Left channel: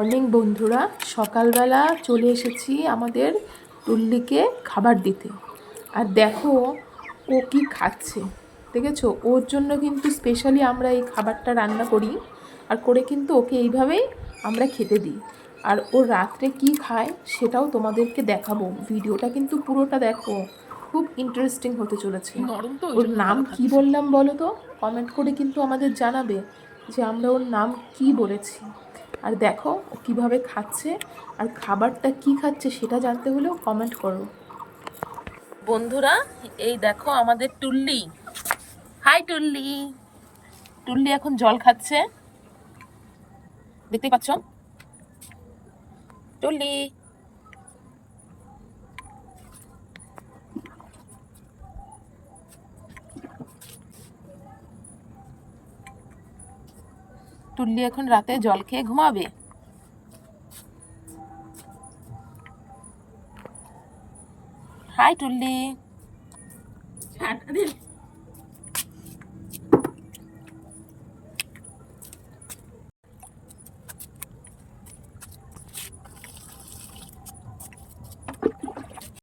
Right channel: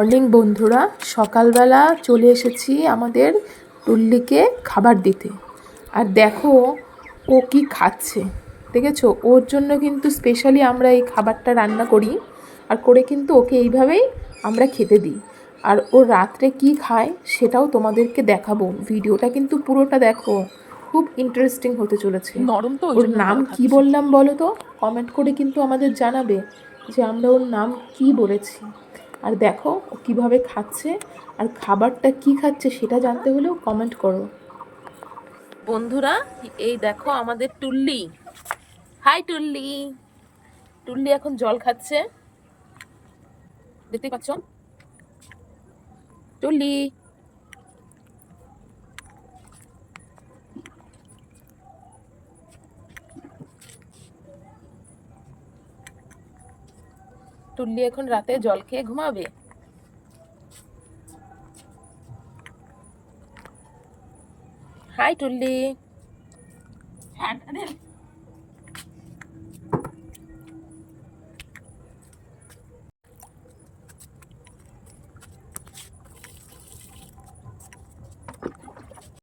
Morning বন্ধুরা, সকালবেলা চলে এসেছি আমাদের টুল্লিকে খাবার দিতে। আর দেখো ও কি খাচ্ছে, দেখেছো? ওর জন্য কিন্তু স্পেশালি আমরা এই খাবারটা রান্না করি, আর করে কিন্তু ওকে এইভাবেই আমরা খেতে দিই। আর ও রাত্রে কি খায় সেটাও তোমাদেরকে দেখাবো। ভিডিওটা কিন্তু পুরোটা দেখো, খুব ইন্টারেস্টিং হতে চলেছে। নরম তো ওর নাম কি বললাম বলো তো? কমেন্ট করে কিন্তু আমাদের জানাবে যে আমরা ওর নাম কি বলেছি। আর দেখো ও কীভাবে খাচ্ছে, আর খাবারটা কি খাচ্ছে সেটা জানতে হলেও কমেন্ট করো বন্ধুরা। এই দেখো আমাদের টুল্লি। হাই টুল্লি। টুল্লি এখন জল খাচ্ছে, দেখতেই পাচ্ছ। টুল্লি, টুল্লি এখন রাতে জল খেয়ে ঘুমাবে। হাই টুল্লি।